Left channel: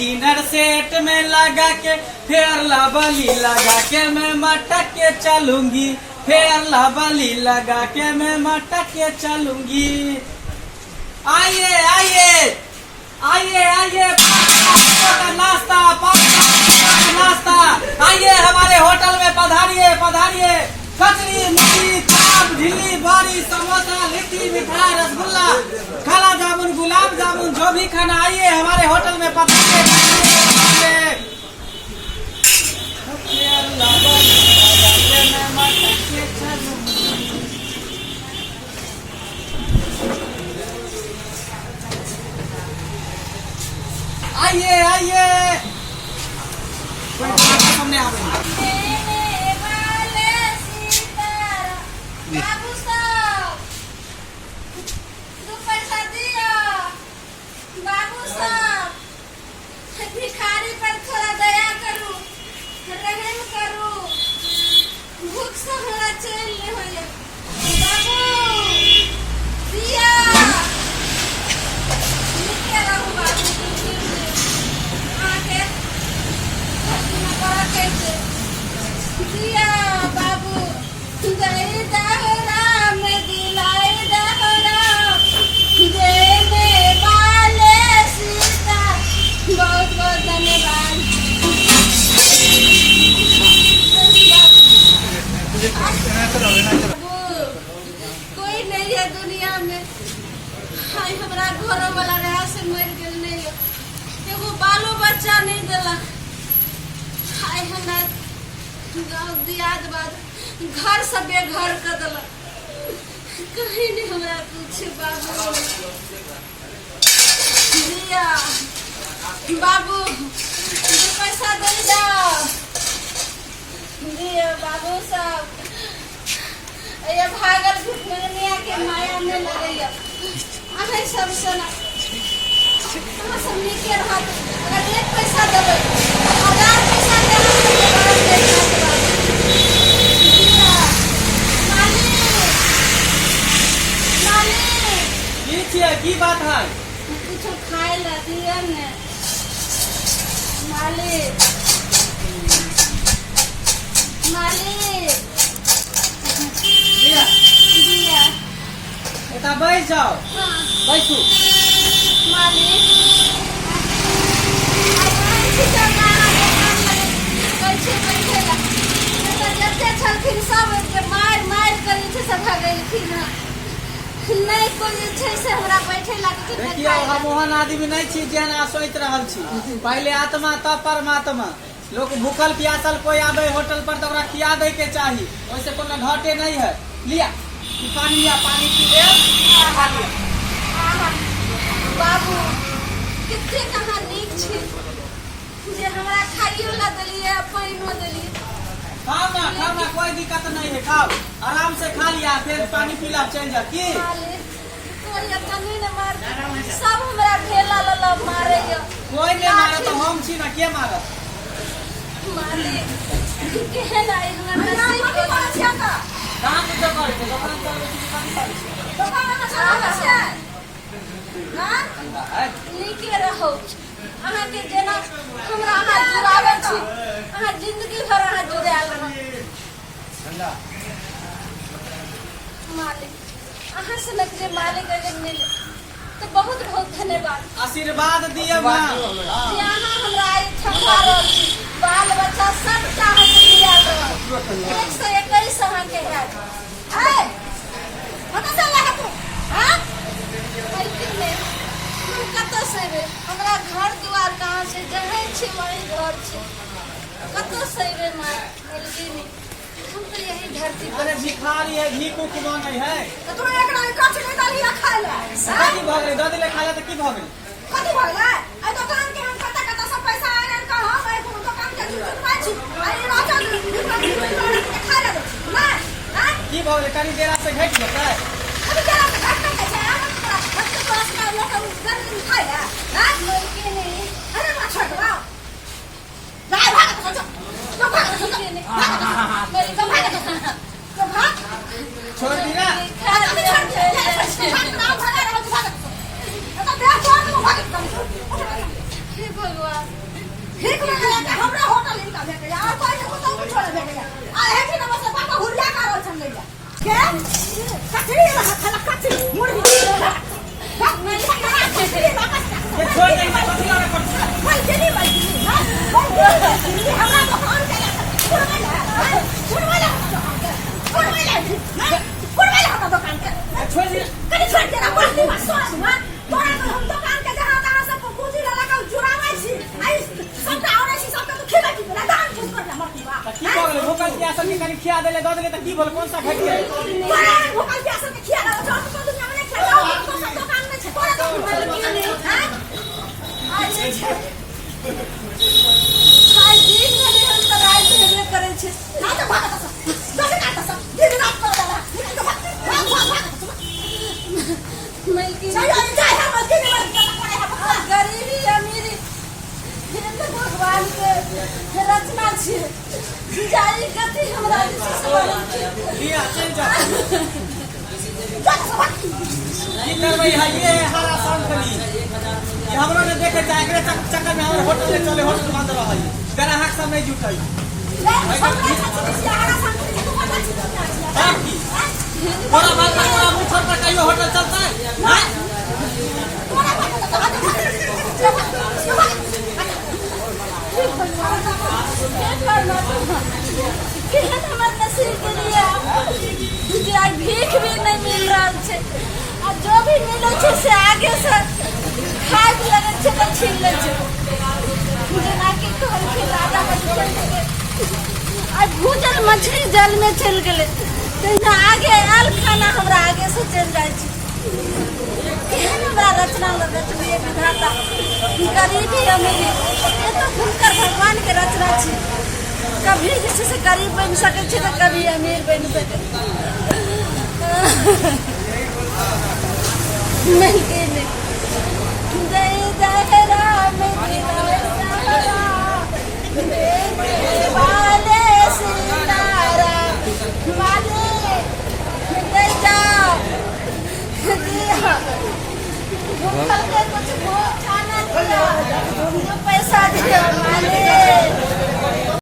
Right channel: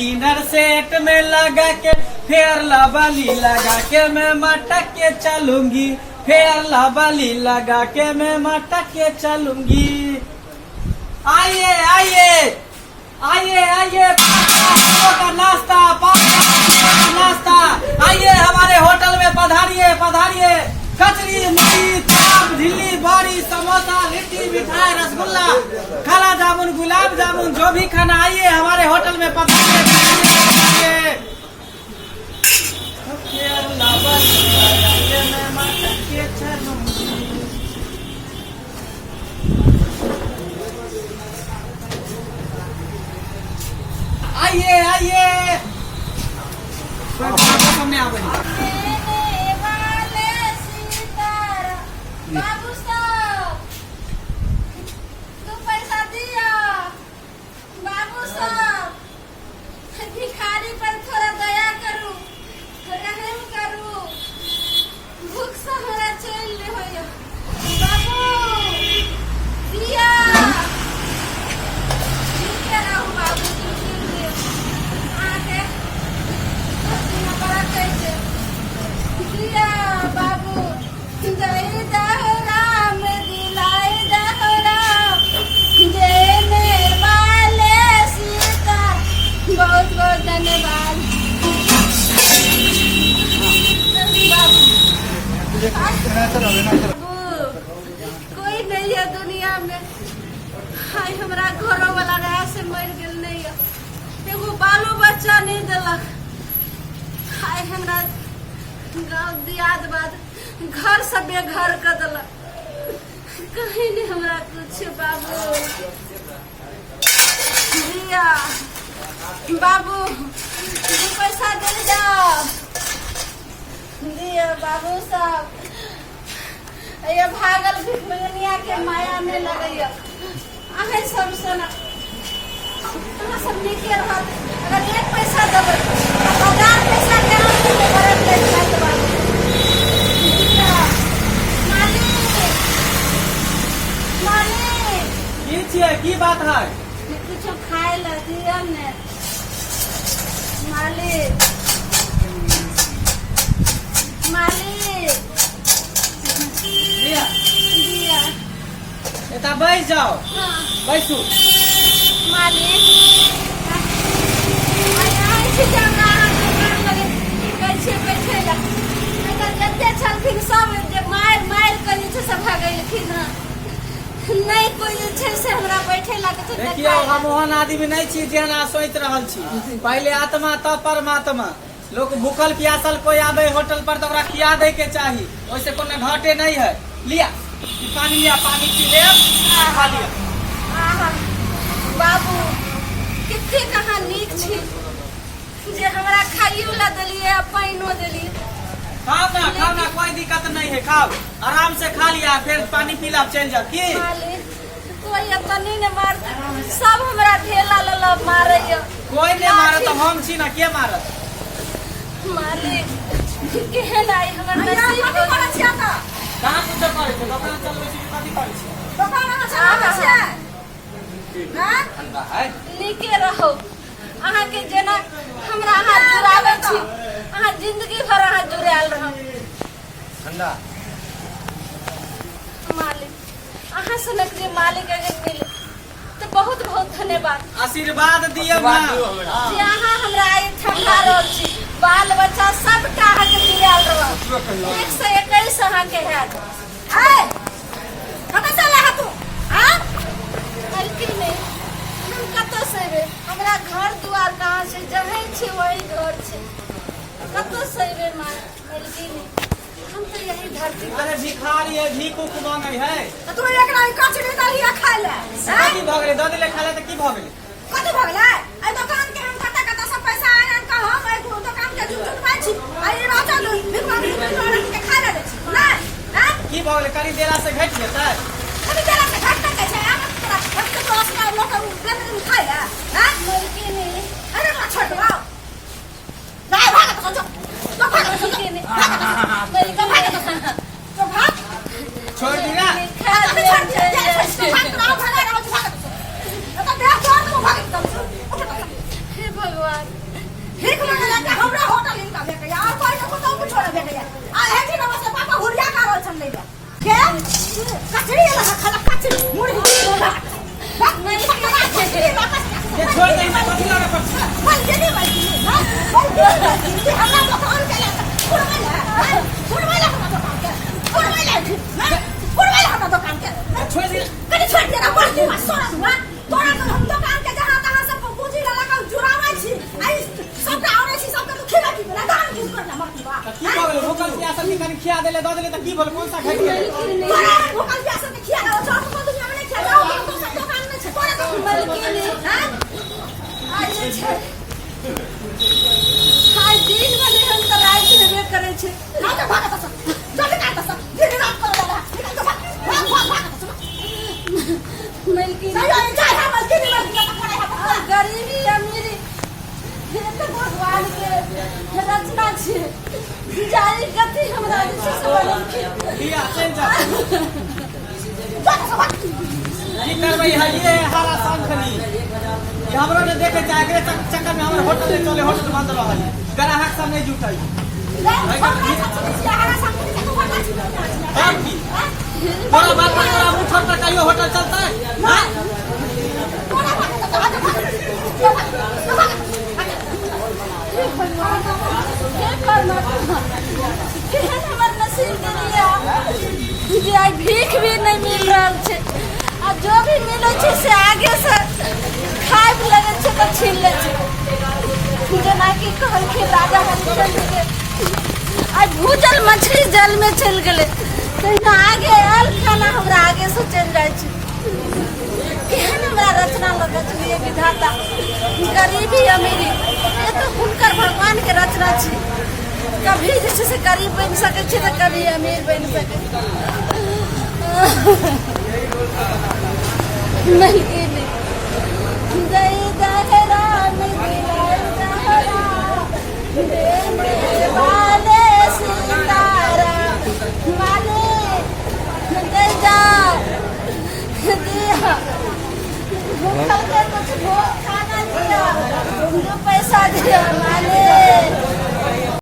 Dinner set में लगा के फेयर लवली लगा के मैं मटक के चलूंगी, फेयर लवली लगा के मैं मटक के चलूंगी। आइए आइए आइए आइए, नाश्ता नाश्ता, आइए हमारे होटल में पधारिए पधारिए। कचरी मुड़ी चाप ढिल्ली बड़ी समोसा लिट्टी मिठाई रसगुल्ला काला जामुन गुलाब जामुन जो भी खाना, आइए हमारे होटल में पधारिए। आइए आइए, सामने आ गई। बाबू साहब, दो पैसा दिया। बाबू साहब, भिखारी पर थोड़ा दया करू, रहम करू, भूख से हमरा चल रही हो। बाबू दिया, रुके रहू बाबू, आके न बड़ा कैसे दिया। बाबू जय दहराम दिलाए दहराम देने वाले सीता, बहुत बहुत धन्यवाद बाबू। कोई नहीं है दुनिया में, हाय हमरा घरों वाला रहा से मर गेल नहीं है, एगो बालो बच्चा नहीं दिलक। हाय हमरा गाँव दियाद बाद घर से बेघर कर दिलक, कहीं नहीं हमरा कुछ। बाबू दिया, बाबू दो पैसा दे जाओ दिया। बाबू साहब, ये भागल भिखमंगिया के माया में लड़ैया, अहे सब सुना सब नीके रहत। अगर एक पैसा देबै 1000 पैसा दे बाबू। की बात है? कुछ खाए ला दिया ने मालिक। मालिक दिया दिया, एता बैठ जाओ। हाँ बैठू। मालिक छलखिन सब मार मार कर सभा गेलखिन, नहीं कोई से हमरा बैठे लगे। देखिए हम ओहन आदमी नहीं छी जेना सोच रहल छी। पहले आत्मा तब परमात्मा। लोग भूखल प्यासल कोई आवे होटल पर तो ओकरा खिया दे के चाहिए, वैसे कोनो घाटे नहीं है। लिया पानी, लिया पानी पी ले, खा लिया। बाबू कितने कहाँ नीक छी जे हमरा खाइयो ला देलिए, पानियो देलिए। खाओ ना, कोई दिक्कत नहीं है, खाओ आराम से खा लिया, फिर पानी पीला चल जा। की कोई अपनी ने मार, सब हमरा ढेला लला मारे। कोई नहीं मारे तो हम छी ना, के मारत? मालिक केहन आइल हमरा कथि करे छिया का? कहां कुछ करे छै? दोकान चलबै छी, कथि करे छै? दोकान में चलाबै छियै। हां ठंडा है, नीके रहो। अहाँ के जेना हमरा अहाँ जुड़ाबै छी, अहाँ जिंदगी भर अहाँ जुड़ाल रहब। ठंडा मालिक अहाँ से नकली मालिक अगर मिले तो बहुत बहुत धन्यवाद। आशीर्वाद दिए ना जे अहाँ हमरा आई ठंडा रहल छी, बाल बच्चा सब अहाँ के जुड़ाल रहब। 121 अहाँ के हैत। आय कतऽ से ले तू? हां मालकिन ने हम कतऽ से रे? हमरा घर दुआर कहाँ से? जहे छी वही घर छै, कतऽ से रे मालकिन? हम तो यही धरती पर। अरे भिखारी है, भीख उख मांगे है। तो तू एकरा काच ले दालिया खाय ले। की भग रे? दे ले खाला त की भग रे? कथि भग ले? आई दुकान के हम कता कता सब पैसा आन का हम एक दुकान के चुट बाई छी। आई रात में खा ले ना। हां की भग ले? करी देरा से घट जेतै। अभी जरा से घट के छै, हम तोरा से लोग गन खाय ले। हां लड़की नहीं, अरे ना छोड़ दो। भाग भाग तो जो तो भाग तो मेरी तो भाग तो भाग छोड़ दी ना। भगवान ठीक मांगे जाके हमरा होटल इनका दे गया और कोई को तो कुछ छोड़ दे गया आ है कि नमस्ते पापा हुरिया का रोल छन ले गया के कचड़ी लगा खाला कचड़ी मुड़ी नहीं छोड़ दे बदला रे पर भाई जनी भाई ना हमरा दुकान के पुरवाला दुकान के छोड़ दे कनी छोड़ दे ना बोलती मत सोना सुना तोरा तो हम दुकान के जहां तहां सब पूंजी लगा के जुरावे छी आई सब आवरे छी सब तो खेला की ना दान कुछ कर मरती बा की बोले भूखल प्यासल के कनी खिया देले द देले त की बोले कौन सा घट गए तोरा भूखल प्यासल के खिया दो तो दुनिया में खेलाओ तो सब दुकान में छे तोरा तो मालिक नहीं हां अच्छे छे हाय दिन में हम तो रात में करे छे ना तो भागत सब जल्दी काट सब दिन रात कर दादा निकल तो भाग मलकी जाए हम मलकी नहीं मलकी का पड़े हम गरीबी अमीरी ये तो भगवान के रचना छे जाई गति हमरा से बनल छी लिया चल जा जा सब की करबई है ये हरा सांखली ये हमरो ने देखे जागरे चक्कर में हमर होटल ले चले होटल बंद रह ग्राहक सब नहीं जुटई पूरा बात पूरा मुठर पर कहियो होटल चलता है हां भीख भी नहीं मिल रहा है और जो भी मिले छे से आगे से खाद लगे छे तो छीन ले छे बिना की कहल के राजा हरिचंद के आज भूजल मछली जल में चल गए तो आगे आल खाना हमरा आगे से चल जाए छे केहन हमरा रचना लगत लिए विधाता गरीबी अमीरी ये तो हुनकर भगवान के रचना छे कभी जैसे से गरीब बन सके छे तो कभी अमीर बन सके नहीं जय जय राम दिलाए जहरा देने वाले सीताराम वाले जय जाओ दिया भूखल के कुछ खाना दिया पैसा दिया मालिक